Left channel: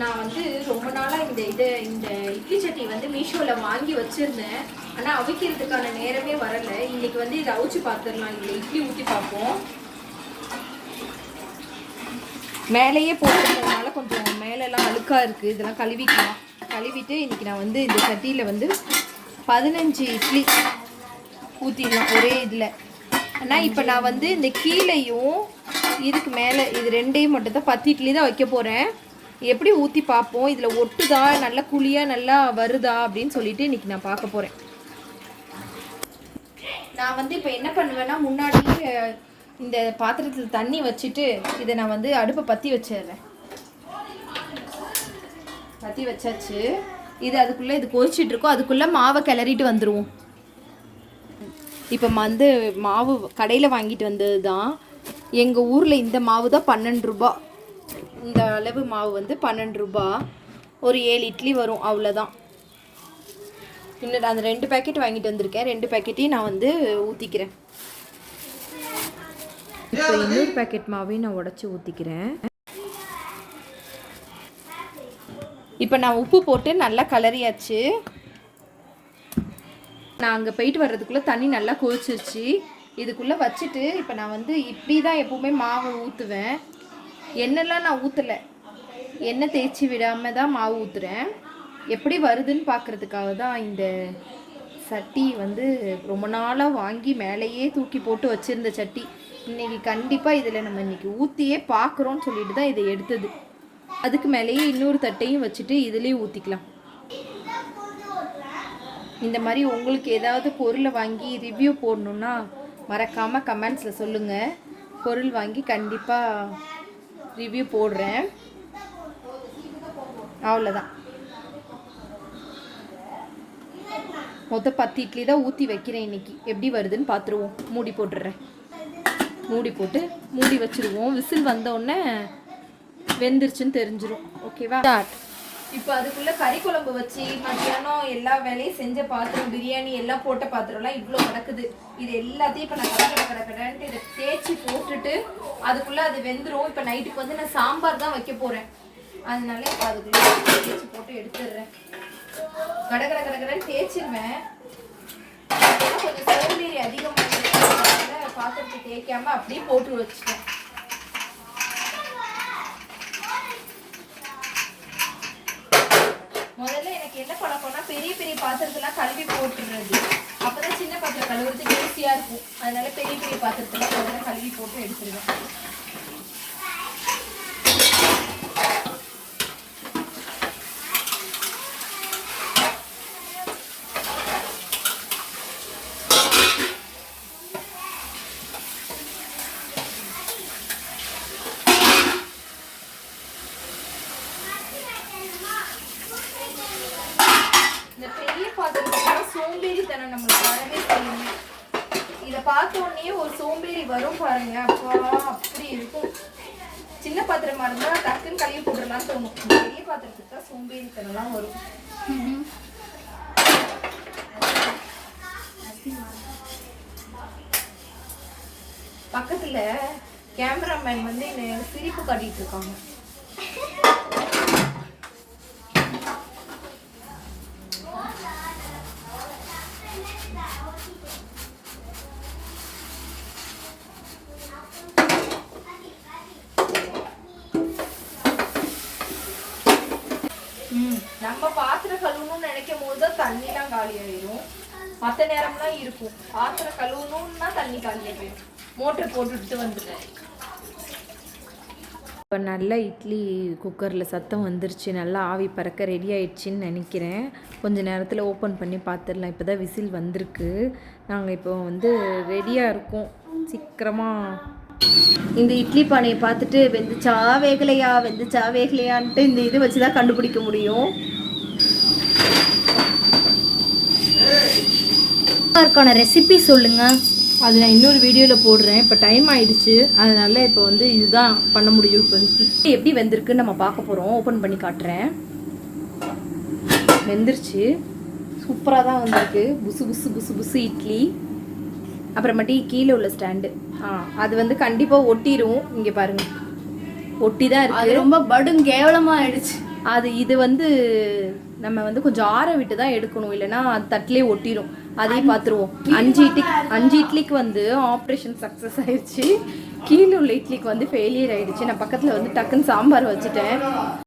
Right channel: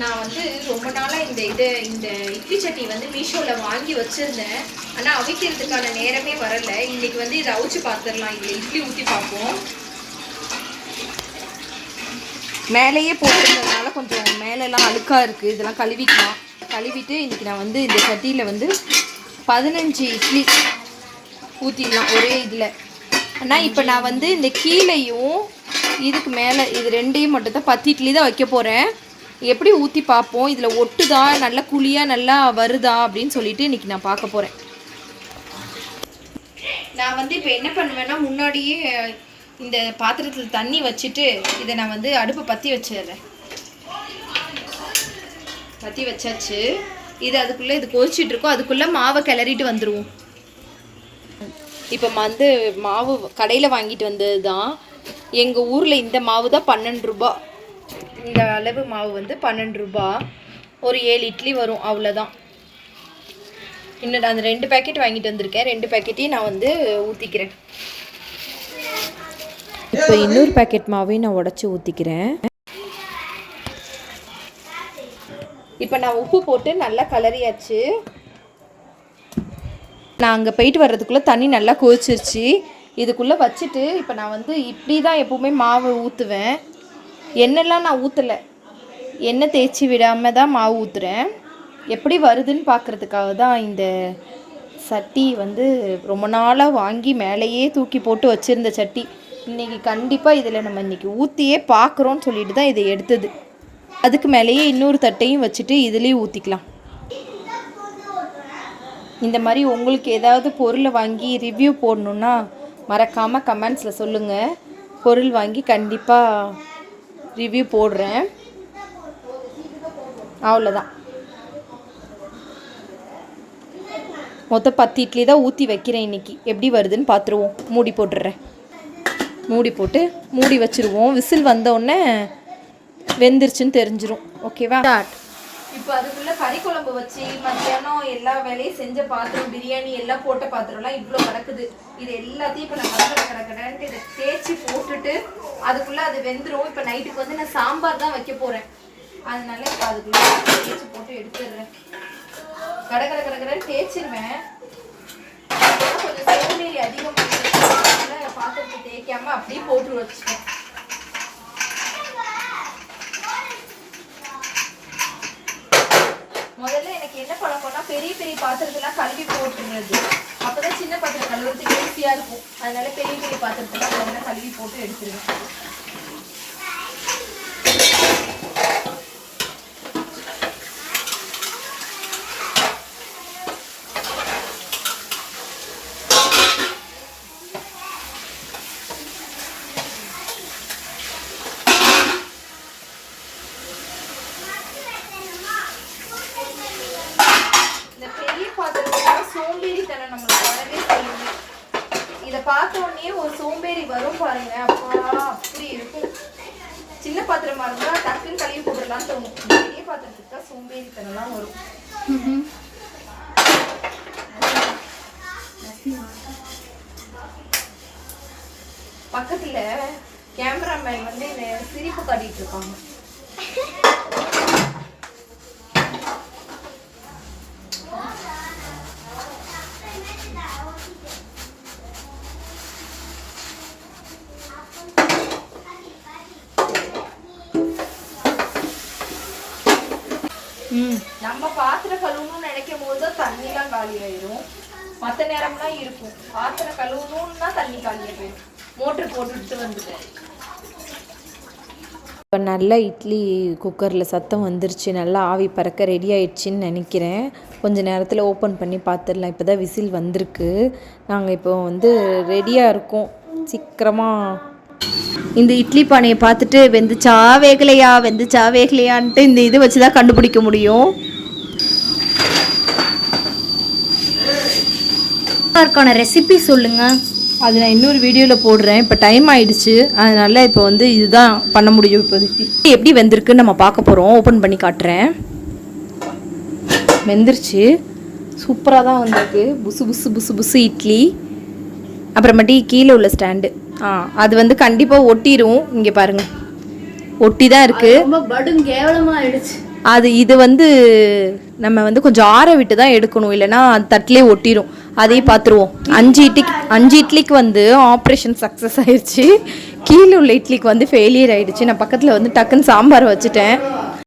நான் வந்து ரொம்ப நாளாக இந்த இட்லி சட்னி வந்து மீஷோவில் வாங்கி வச்சுருந்தேன். ஆனால் அவிக்கிறதுக்கான நேரமே வரலை. இன்றைக்கி வந்து இதை அவிச்சு பார்த்துடலாம். இதில் இட்லி ஊற்றி பார்ப்போம். மேலேயே போட்டுருந்ததுனால கொஞ்சம் மேலெல்லாம் அழுக்காக இருக்குது. இதெல்லாம் கழுவிக்கலாம். கழுவிட்டு இன்றைக்கி நான் வந்து இந்த சட்டியில் வந்து 15 இட்லி ஊற்றிடலாம் ஒரே இதில். ஆனால் இப்போ நான் வந்து இந்த கீழையும் இதுக்கு மேலே இது ரெண்டையும் மட்டும் தான் 10 இட்லி தான் வைக்க போகிறேன். எப்படி ஊற்றி பார்ப்போம், இதில் ஒட்டுதா, நல்லா குழியாக நல்லா வருதா அப்படின்னு சொல்லிட்டு இன்றைக்கி நான் பார்க்க போகிறேன். நான் வந்து இப்போ என்ன பண்ணுவேன்னா, முன்னாடியே இந்த பாத்திரத்தில் தண்ணி வச்சுட்டு இதை நான் வந்து அடுப்பை பற்றி வச்சிடுறேன். பற்றி வச்சாச்சு. இது அதுக்குள்ளே இது கொதிச்சிட்ருக்கோம். அதுக்குள்ளே மாவை கிளறிட்டு வந்துடுவோம். இப்போ வந்து மாவு கடையில் வாங்கிட்டு வந்தது தான். எங்கள் ஊரில் இந்த மாவு தான் 12 ரூபா. இந்த அளவு மாவு வந்து 12 ரூபா. ஒரு 7 இட்லி வரும், அவ்வளோதான். இன்னும் நான் அந்த 2 பேக்கெட் வாங்கிட்டு வந்திருக்கேன். 2 பேக்கெட்டையும் நான் வந்து ஊற்றிக்கிறேன். இப்போ இன்னொரு பேக்கெட் மாவையும் நான் உடச்சி ஊற்றிக்கிறேன். இப்போ நான் உப்பு போட்டு நல்லா கலரியாச்சு. நான் அங்கே போயிட்டு வர்றதுக்குள்ளே தண்ணி நல்லா கொதிச்சிருச்சு. இதுக்குள்ளே வச்சுட்டு இப்போ நான் வந்து இப்படி தான் எப்போவுமே மாவு ஊற்றுவேன். எண்ணெய்லாம் நான் ஊற்றலை, எண்ணெய் தேய்ச்சி விடாமல் தான் மாவு ஊற்றுறேன். எப்படி வருதுன்னு பார்க்குறதுக்காக தான். இந்த சட்டி வந்து ரொம்ப நாளாக வாங்கி மேலேயே தூக்கி போட்டு வச்சுருந்த சட்டி. இன்றைக்கி கண்டிப்பாக இதில் நம்ம இன்றைக்கி ஊற்றியே பார்க்குறோன்னு சொல்லிட்டு தான் இதை எடுத்தது. அதுக்கு மேலேயே இன்னொரு தட்டையும் வச்சுட்டு இதுலேயும் ஊற்றிக்கலாம். இந்த மாதிரி உங்களுக்கு ஏதாவது பொருளை வாங்கி ரிவ்யூ போடணுன்னா மறக்காமல் கமெண்ட்ஸில் சொல்லுங்கள். பொருள் வாங்கி கண்டிப்பாக ரிவ்யூ போடுறேன். அவ்வளோதான். மொத்தம் 10 இட்லி தான் ஊற்றி வைக்கிறேன் இன்றைக்கி. எப்படி வருதுன்னு பார்த்துருவோம். மூடி போட்டுடுறேன். மூடி போட்டு மூடி வச்சுருவோம். விசில் வந்தோடனே வெந்துருச்சுன்னு தெரிஞ்சிடும். ஓகேவா? இப்போ அதுக்குள்ளே கறி குழம்பு வச்சு மத்தியானம் எல்லா வேலையும் செஞ்ச பாத்திரம், பிரியாணி எல்லாம் போட்ட பாத்திரம்லாம் இவ்வளோ கிடக்குது. இது எல்லாத்தையும் இப்போ நான் கடன்ட்டு இதை தேய்ச்சி போட்டுட்டு அதுக்குள்ளே அது வெந்துடும். இப்போ நைட்டுக்கு வந்து நான் சாம்பார் தான் வைக்க போகிறேன். அதனால இப்போ அதுக்குள்ளே தேய்ச்சி போட்டு எடுத்துடுறேன். கடன்னு தேய்ச்சிருவேன். கொஞ்சம் சோம்பேறி அதிகமாக பாத்திரத்தை தேய்க்காமல் அப்படியே போட்டு வச்சுட்டேன். முதல்ல எனக்கு என்ன பழக்கம்னா, பெரிய பெரிய பாத்திரத்தெல்லாம் கழுவி போட்டுடுறது. அப்போதான் சின்ன பாத்திரம் கழுவுறதுக்கு ஈஸியாக இருக்கும். அதனால பெரிய பெரிய பாத்திரத்தெல்லாம் முதல்ல கழுவி போட்டு எடுத்துருவேன். சோம்பேறித்தனம் நம்மளுக்கு வரவே செய்யும். இதை பார்த்த உடனே ஒரு சோம்பேறி வரும் பாருங்க. அப்பா அப்படி இருக்கும். சின்ன பாத்திரமா இருந்தா டக்குன்னு கழுவி போட்டுடலான்னு தோணும். பெரிய பாத்திரத்துக்கு தான் சோம்பேறித்தனம்லாம் வரும். பக்கத்துல கேமராமேன் வந்து என்ன சிரிப்பு காட்டிட்டு இருக்காங்க. நம்ம பாத்திரம் கழுவணும்னு நினைக்கும் போது தான் தண்ணிலாம் காலி ஆயிரும். மற்ற நேரம்லாம் இருக்கும். பாத்திரம் கழுவணும்னா தண்ணி காலியாக போயிடும். மோட்டர் போட்டுட்டு வந்துட்டேன். இப்போ நல்லா இட்லி குக்கரில் சத்தம் வந்துருச்சு. நல்லா ஆவி பறக்க ரெடி ஆயிடுச்சின்னு நினைக்கிறேன். கொஞ்சம் நேரத்தில் ஓப்பன் பண்ணி பார்த்துடலாம். இப்போ தான் விசில் வந்திருக்கு. நாங்கள் இப்போ வந்து ரெடியாக இருக்கோம். சீக்கிரமாக இந்த இட்லி பானையை பார்த்துட்டு வெந்துச்சா வேகலையான்ட்டு இந்த இது வச்சு தான் கண்டுபிடிக்க முடியும். இருக்கான ரெசிபி சொல்லுங்கள். அது நான் இன்னொரு வீடியோவில் போடுறேன். இப்போ டைம் ஆயிடுச்சு. அதனால இப்போ வந்து இதுதான் பண்ண முடியும். இப்போதைக்கு எப்படி வெந்திருக்குன்னு நம்ம பார்க்க போகிறோம். ஓப்பன் பண்ணி காட்டுறேன். வெந்துருச்சு. சூப்பராக தான் வந்திருக்கு. புசு புசு புசு புசு இட்லி. அப்புறமேட்டி கீழே உள்ள ஸ்டாண்டு அது வந்து கண்டிப்பாக ஒட்டிடும். இங்கே பாருங்கள், ஒட்டி தான் இருக்குது. ரொம்ப படும் கேவலமா ஆயிடுச்சு. இது வந்து நம்ம வந்து கொஞ்சம் ஆற விட்டு தான் எடுக்கணும், இல்லைன்னா தட்டிலே ஒட்டிடும். அதையும் பார்த்துருவோம். 5 இட்லிக்கு வந்து ஆப்ரேஷன் சக்ஸஸ் ஆயிடுச்சு. கீழே உள்ள இட்லிக்கு வந்து ஃபெயிலியர் ஆயிடுச்சு. நான் பக்கத்தில் வந்து டக்குன்னு சாம்பார் வச்சுட்டேன்.